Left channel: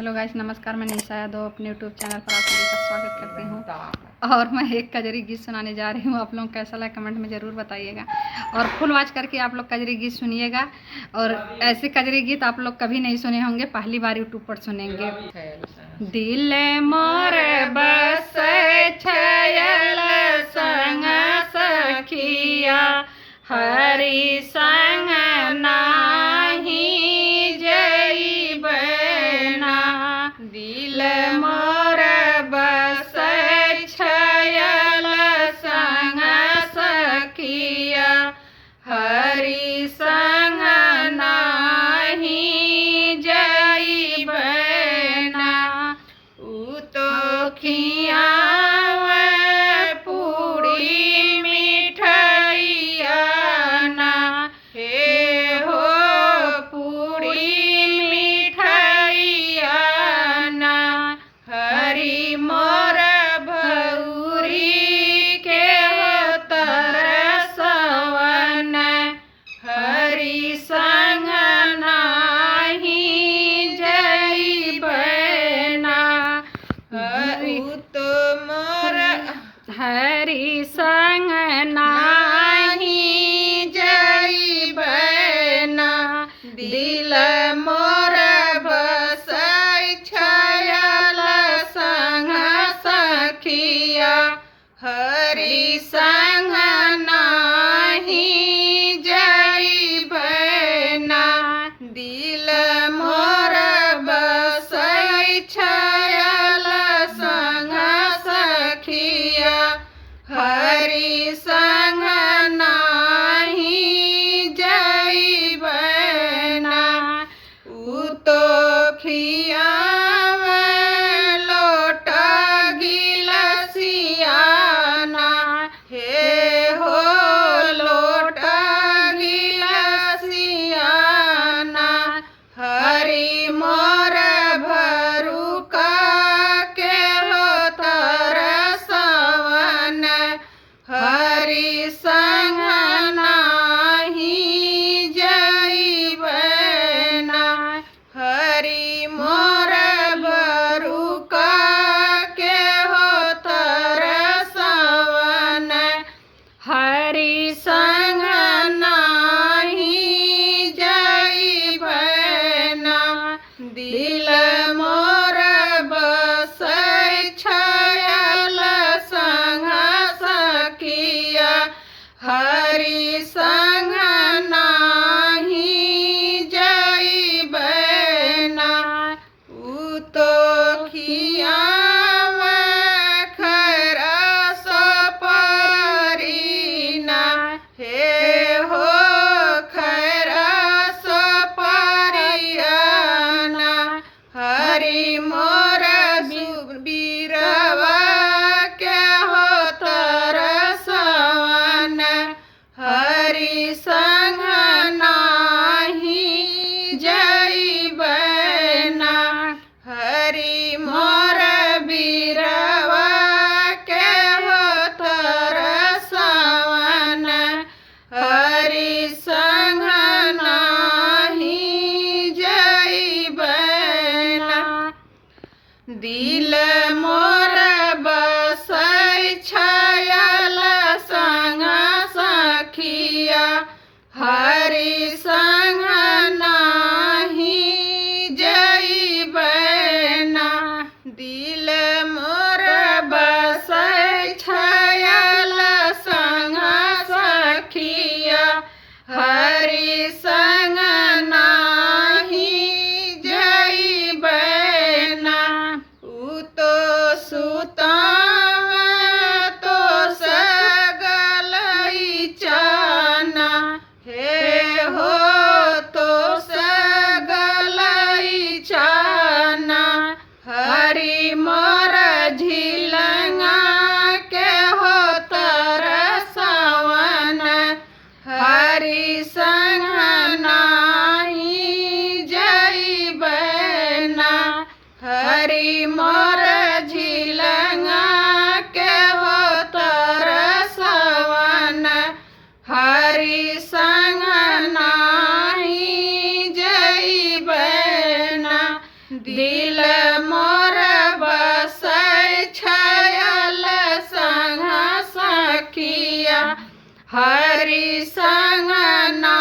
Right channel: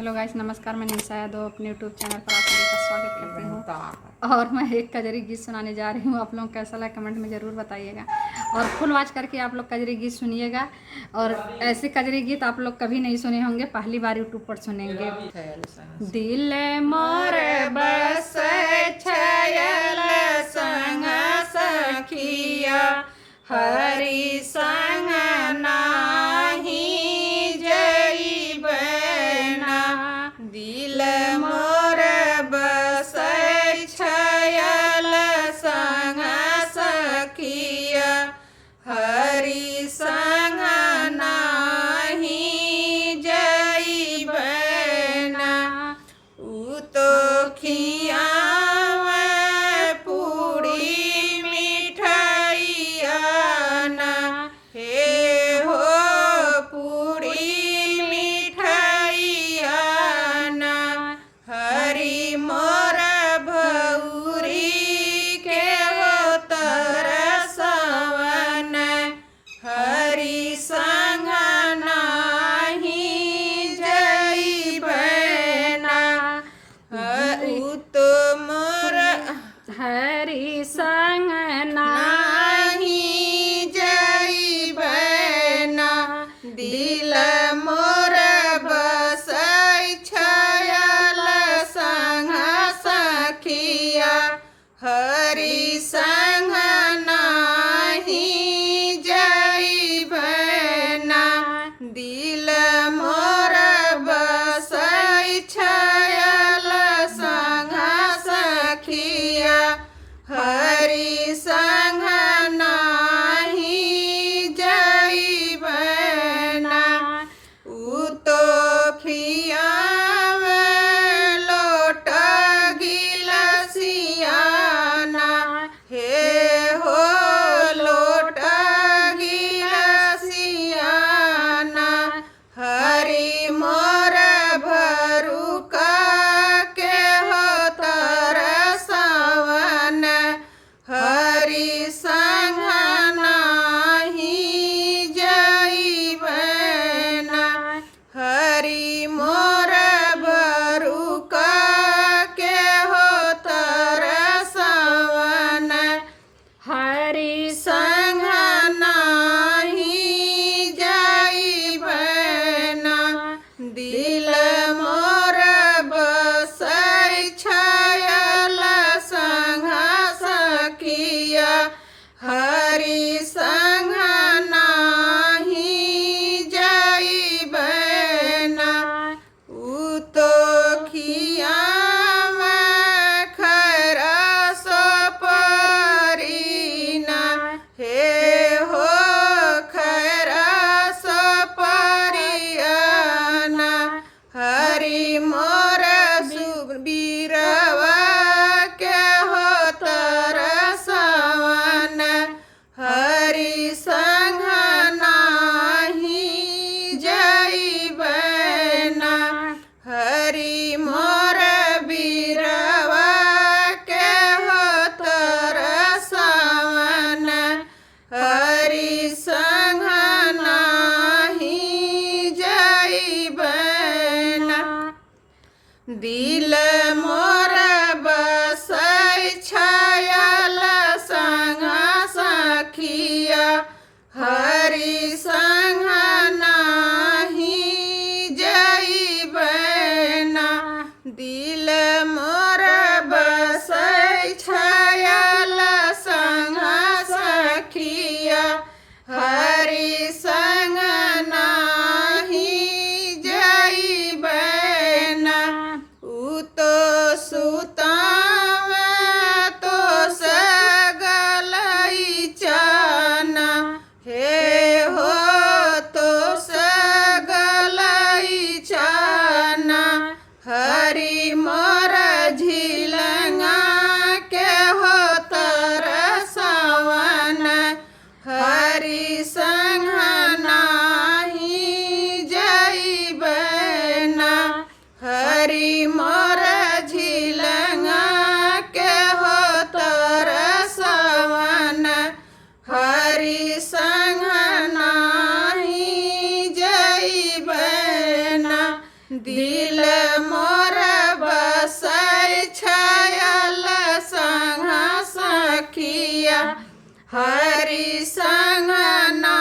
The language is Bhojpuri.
हेलो गाइस, नमस्कार। मैं निशा यादव अपने यूट्यूब चैनल पर आप सभी का स्वागत करती हूँ। और मैं एक कजरी गीत सुनाने जा रही हूँ। आप लोग कैसा लगा कमेंट में ज़रूर बताइएगा और फुल वॉच करके आप लोग कजरी गीत सुनिएगा। और ऐसे कजरी गीत आप लोग कभी नहीं सुने होंगे, पहली बार यूट्यूब पर सुनेंगे। दिल मोर बस छयल संग सखिया हरि संग नाही जइबना। दिल मोर बस छयल संग सखिया हरि संग नाही जइबना। उ तो खियावे पूरी मिठैया ना, हे हो पूरी मिठैया ना। हरि मोर भौरी के तरसवन हरि संग नाही जइबना। तो मोर हरि संग नाही जइबना। दिल मोर बस छयल संग सखिया हरि संग नाही जइबना। दिल मोर बस छयल संग सखिया हरि संग नाही जइबना। उ तो खियावे लोटा गिलसियाना, हे हो लोटा गिलसियाना। हरि मोर भरुका के तरसवन हरि संग नाही जइबना। हरि मोर भरुका के तरसवन हरि संग नाही जइबना। दिल मोर बस छयल संग सखिया हरि संग नाही जइबना। उ तो खियावे खरस परिना, हे हो खरस परियाना। हरि मोर बीरवा के तरसवन हरि संग नाही जइबना। हरि मोर बीरवा के तरसवन हरि संग नाही जइबना। दिल मोर बस छयल संग सखिया हरि संग नाही जइबना। दिल मोर बस छयल संग सखिया हरि संग नाही जइबना। उ तो सुतावे तो सगलई चाना, हे हो तो सगलई चाना। हरि मोर झिलंगा के तरसवन हरि संग नाही जइबना। हरि मोर झिलंगा के तरसवन हरि संग नाही जइबना। दिल दिल मोर बसै छायल संग सखिया हरि संग ना